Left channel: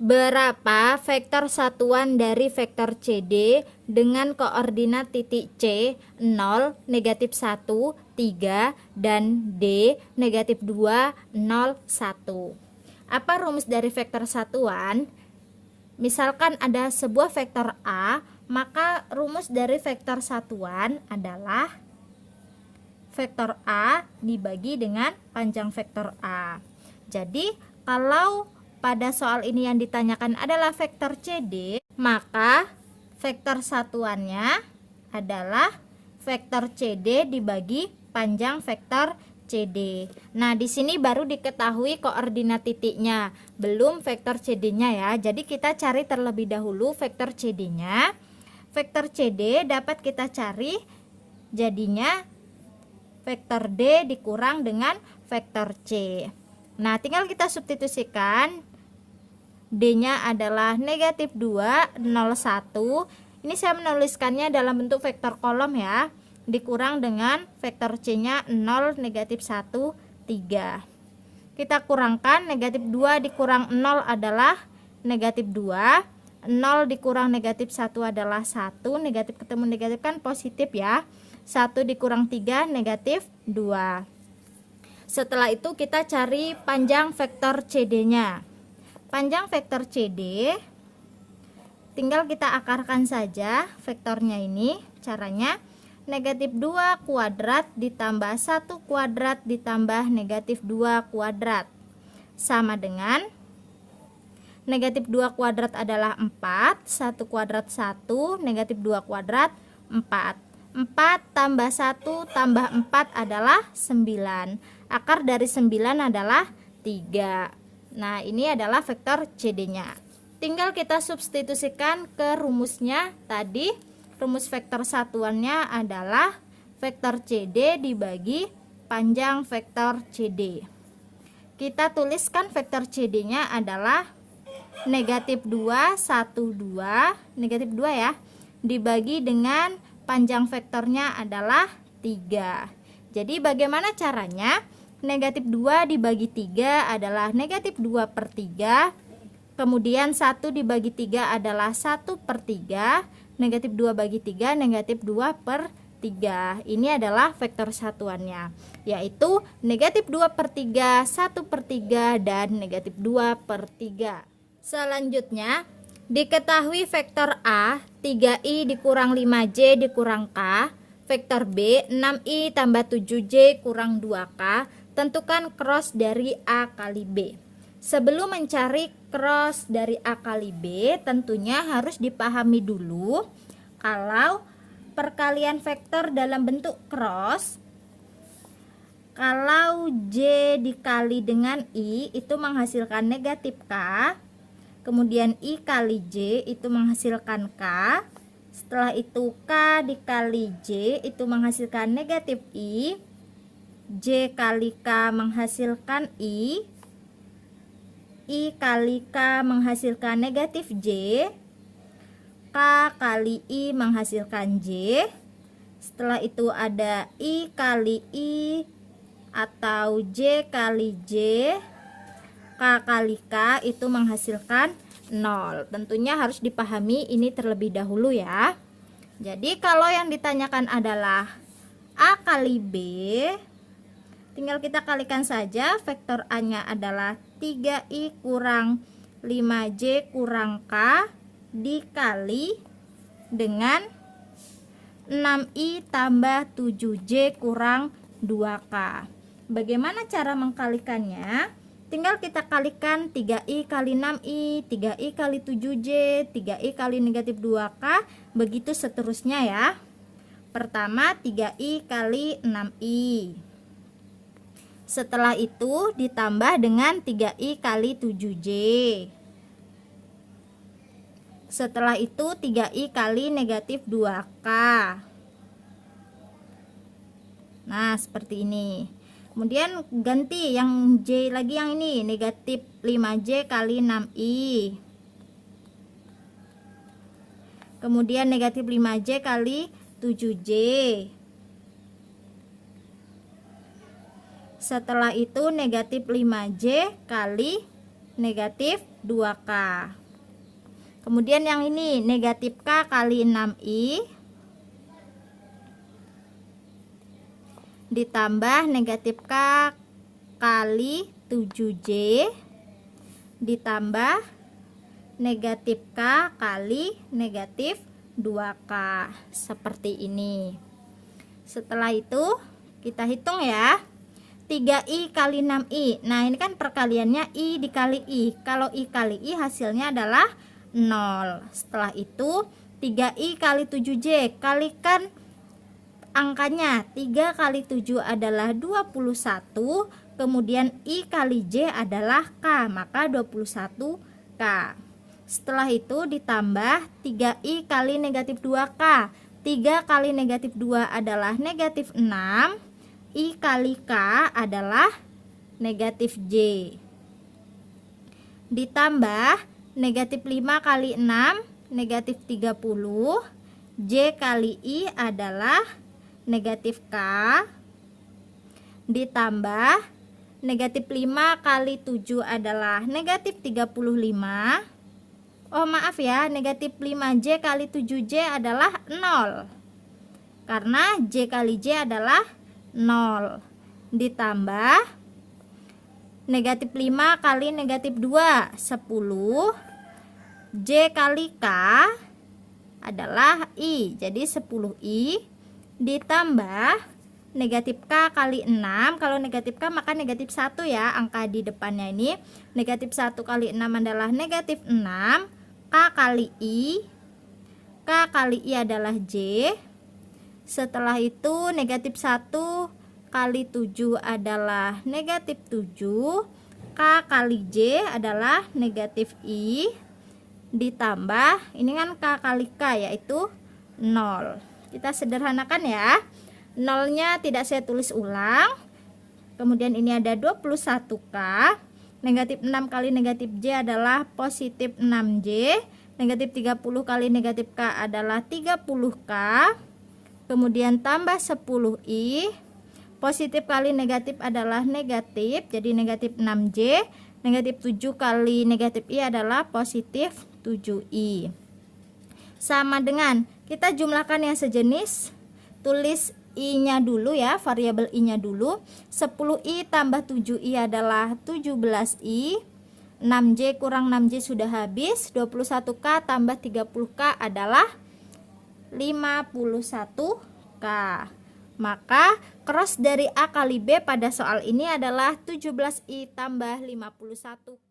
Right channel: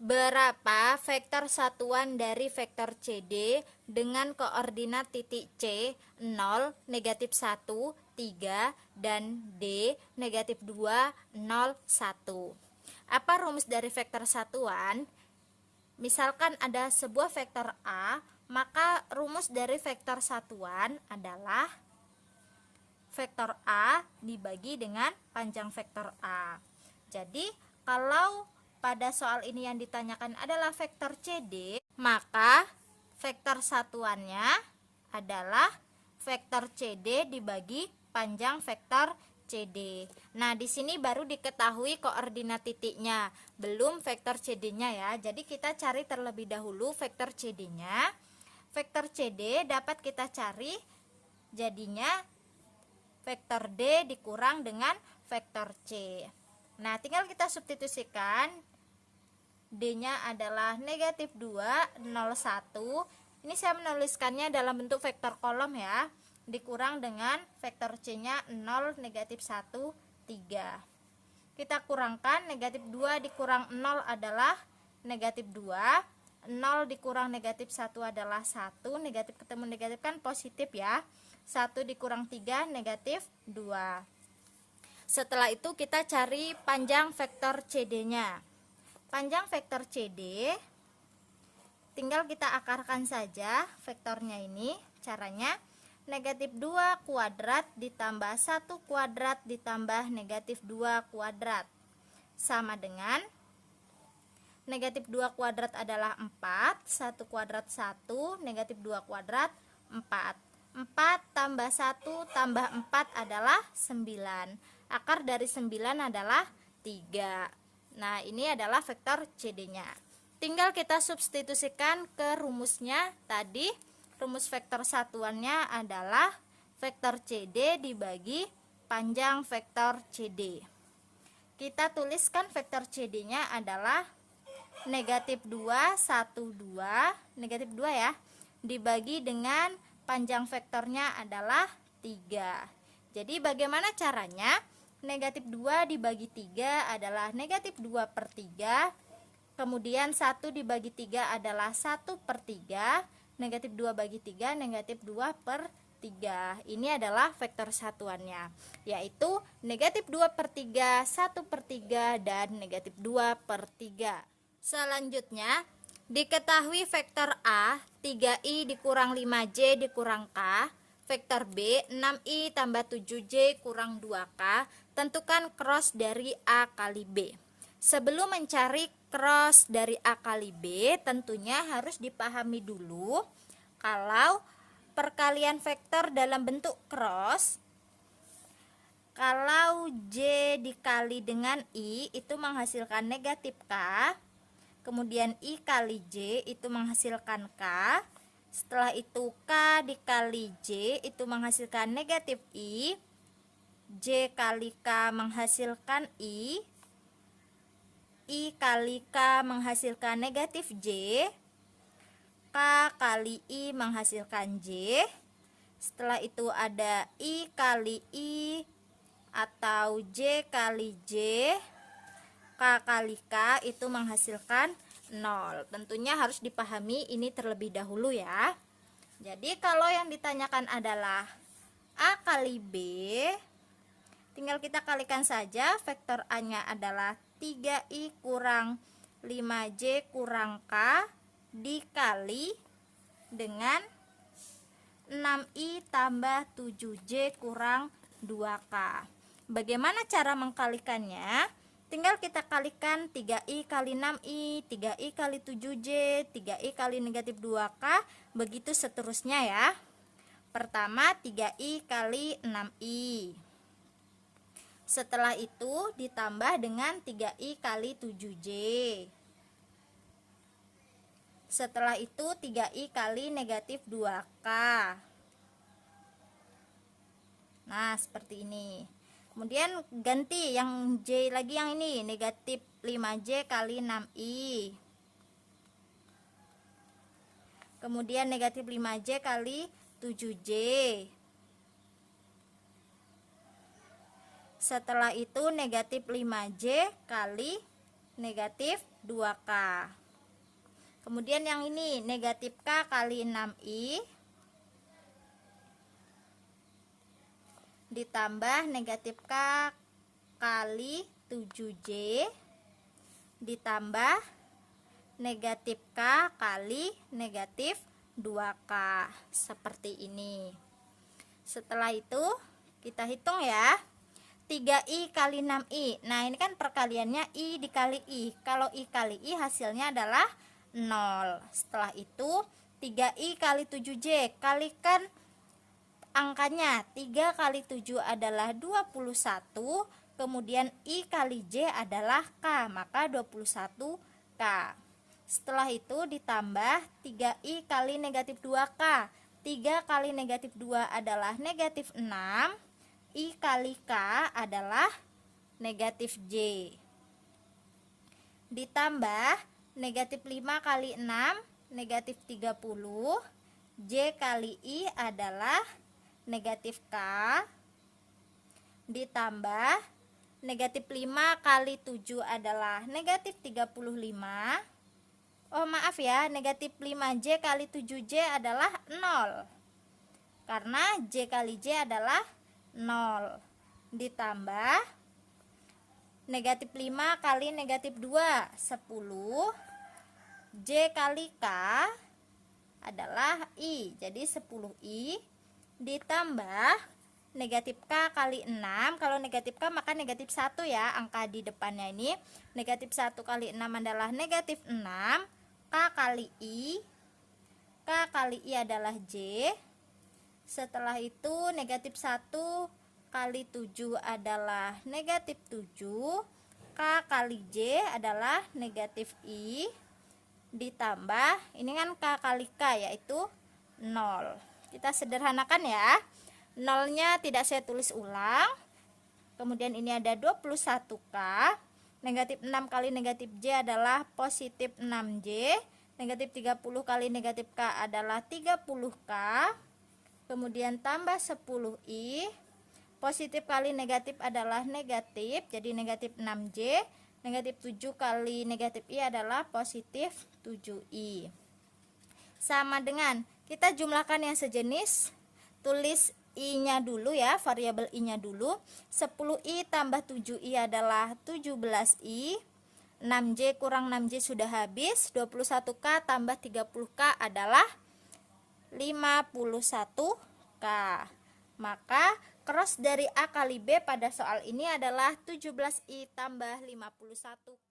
Berapa vektor satuan dari vektor CD dengan koordinat titik C 0, negatif 1, 3, dan D, negatif 2, 0, 1. Apa rumus dari vektor satuan? Misalkan ada sebuah vektor A, maka rumus dari vektor satuan adalah vektor A dibagi dengan panjang vektor A. Jadi, kalau pada soal ini yang ditanyakan adalah vektor CD, maka vektor satuannya adalah vektor CD dibagi panjang vektor CD. Nah, di sini baru diketahui koordinat titiknya, belum vektor CD-nya ya. Jadi kita cari terlebih dahulu vektor CD-nya. Vektor CD dapat kita cari jadinya vektor D dikurang dengan vektor C. Nah, tinggal kita substitusikan. D-nya adalah negatif 2, 0, 1. Ini saya menuliskannya dalam bentuk vektor kolom ya. Dikurang dengan vektor C-nya 0, negatif 1, 3. Kita kurangkan, negatif 2 dikurang 0 adalah negatif 2. 0 dikurang negatif 1 adalah 1. Negatif ketemu negatif kan positif ya. 1 dikurang 3 negatif 2. Setelah itu kita cari panjang vektor CD-nya. Panjang vektor CD tinggal kita akarkan saja vektornya ini. Caranya negatif 2 kuadrat ditambah 1 kuadrat ditambah negatif 2 kuadrat sama dengan negatif 2 kuadrat adalah 4, 1 kuadrat 1, negatif 2 kuadrat 4. 4 tambah 1 tambah 4 adalah 9. Akar dari 9 adalah 3. Nah, ini adalah vektor CD-nya. Tinggal kita substitusikan ke rumusnya tadi. Rumus vektor satuannya adalah vektor CD dibagi panjang vektor CD. Kita tuliskan vektor CD-nya adalah negatif 2, 1, 2, negatif 2 ya, dibagi dengan panjang vektornya adalah 3. Jadi bagaimana caranya? Negatif 2 dibagi 3 adalah negatif 2 per 3. Kemudian 1 dibagi 3 adalah 1 per 3. Negatif 2 bagi 3 negatif 2 per 3. Ini adalah vektor satuannya, yaitu negatif 2 per 3, 1 per 3, dan negatif 2 per 3. Selanjutnya, diketahui vektor A 3i dikurang 5j dikurang k, vektor B 6i tambah 7j kurang 2k. Tentukan cross dari A kali B. Sebelum mencari cross dari A kali B, tentunya harus dipahami dulu kalau perkalian vektor dalam bentuk cross, kalau J dikali dengan I itu menghasilkan negatif K, kemudian I kali J itu menghasilkan K, setelah itu K dikali J itu menghasilkan negatif I, J kali K menghasilkan I kali K menghasilkan negatif J, K kali I menghasilkan J. Setelah itu ada I kali I atau J kali J, K kali K itu menghasilkan 0. Tentunya harus dipahami ini terlebih dahulu ya. Jadi kalau yang ditanyakan adalah A kali B, tinggal kita kalikan saja. Vektor A-nya adalah 3i kurang 5j kurang k dikali dengan 6i tambah 7j kurang 2k. Bagaimana cara mengkalikannya? Tinggal kita kalikan 3i kali 6i, 3i kali 7j, 3i kali negatif 2k, begitu seterusnya ya. Pertama 3i kali 6i. Setelah itu ditambah dengan 3i kali 7j. Setelah itu 3i kali negatif 2k. Nah, seperti ini. Kemudian ganti yang J lagi, yang ini negatif 5j kali 6i. Kemudian negatif 5j kali 7j. Setelah itu negatif 5j kali negatif 2K. Kemudian yang ini negatif K kali 6I ditambah negatif K kali 7J ditambah negatif K kali negatif 2K, seperti ini. Setelah itu kita hitung ya, 3I kali 6I. Nah ini kan perkaliannya I dikali I. Kalau I kali I hasilnya adalah 0. Setelah itu 3I kali 7J, kalikan angkanya. 3 kali 7 adalah 21, kemudian I kali J adalah K, maka 21K. Setelah itu ditambah 3I kali negatif 2K. 3 kali negatif 2 adalah negatif 6, I kali K adalah negatif J. Ditambah negatif 5 kali 6 negatif 30, J kali I adalah negatif K, ditambah negatif 5 kali 7 adalah negatif 35. Oh maaf ya, negatif 5J kali 7J adalah 0, karena J kali J adalah 0. Ditambah negatif 5 kali negatif 2, 10. J kali K adalah I, jadi 10I. Ditambah negatif K kali 6. Kalau negatif K maka negatif 1 ya, angka di depannya ini. Negatif 1 kali 6 adalah negatif 6. K kali I. K kali I adalah J. Setelah itu negatif 1 kali 7 adalah negatif 7. K kali J adalah negatif I. Ditambah ini kan K kali K yaitu 0. Kita sederhanakan ya. 0-nya tidak saya tulis ulang. Kemudian ini ada 21K. Negatif 6 kali negatif J adalah positif 6J. Negatif 30 kali negatif K adalah 30K. Kemudian tambah 10I. Positif kali negatif adalah negatif, jadi negatif 6J. Negatif 7 kali negatif I adalah positif 7I. Sama dengan kita jumlahkan yang sejenis. Tulis I-nya dulu ya, variabel I-nya dulu. 10I tambah 7I adalah 17I. 6J kurang 6J sudah habis. 21K tambah 30K adalah 51K. Maka cross dari A kali B pada soal ini adalah 17I tambah 51K.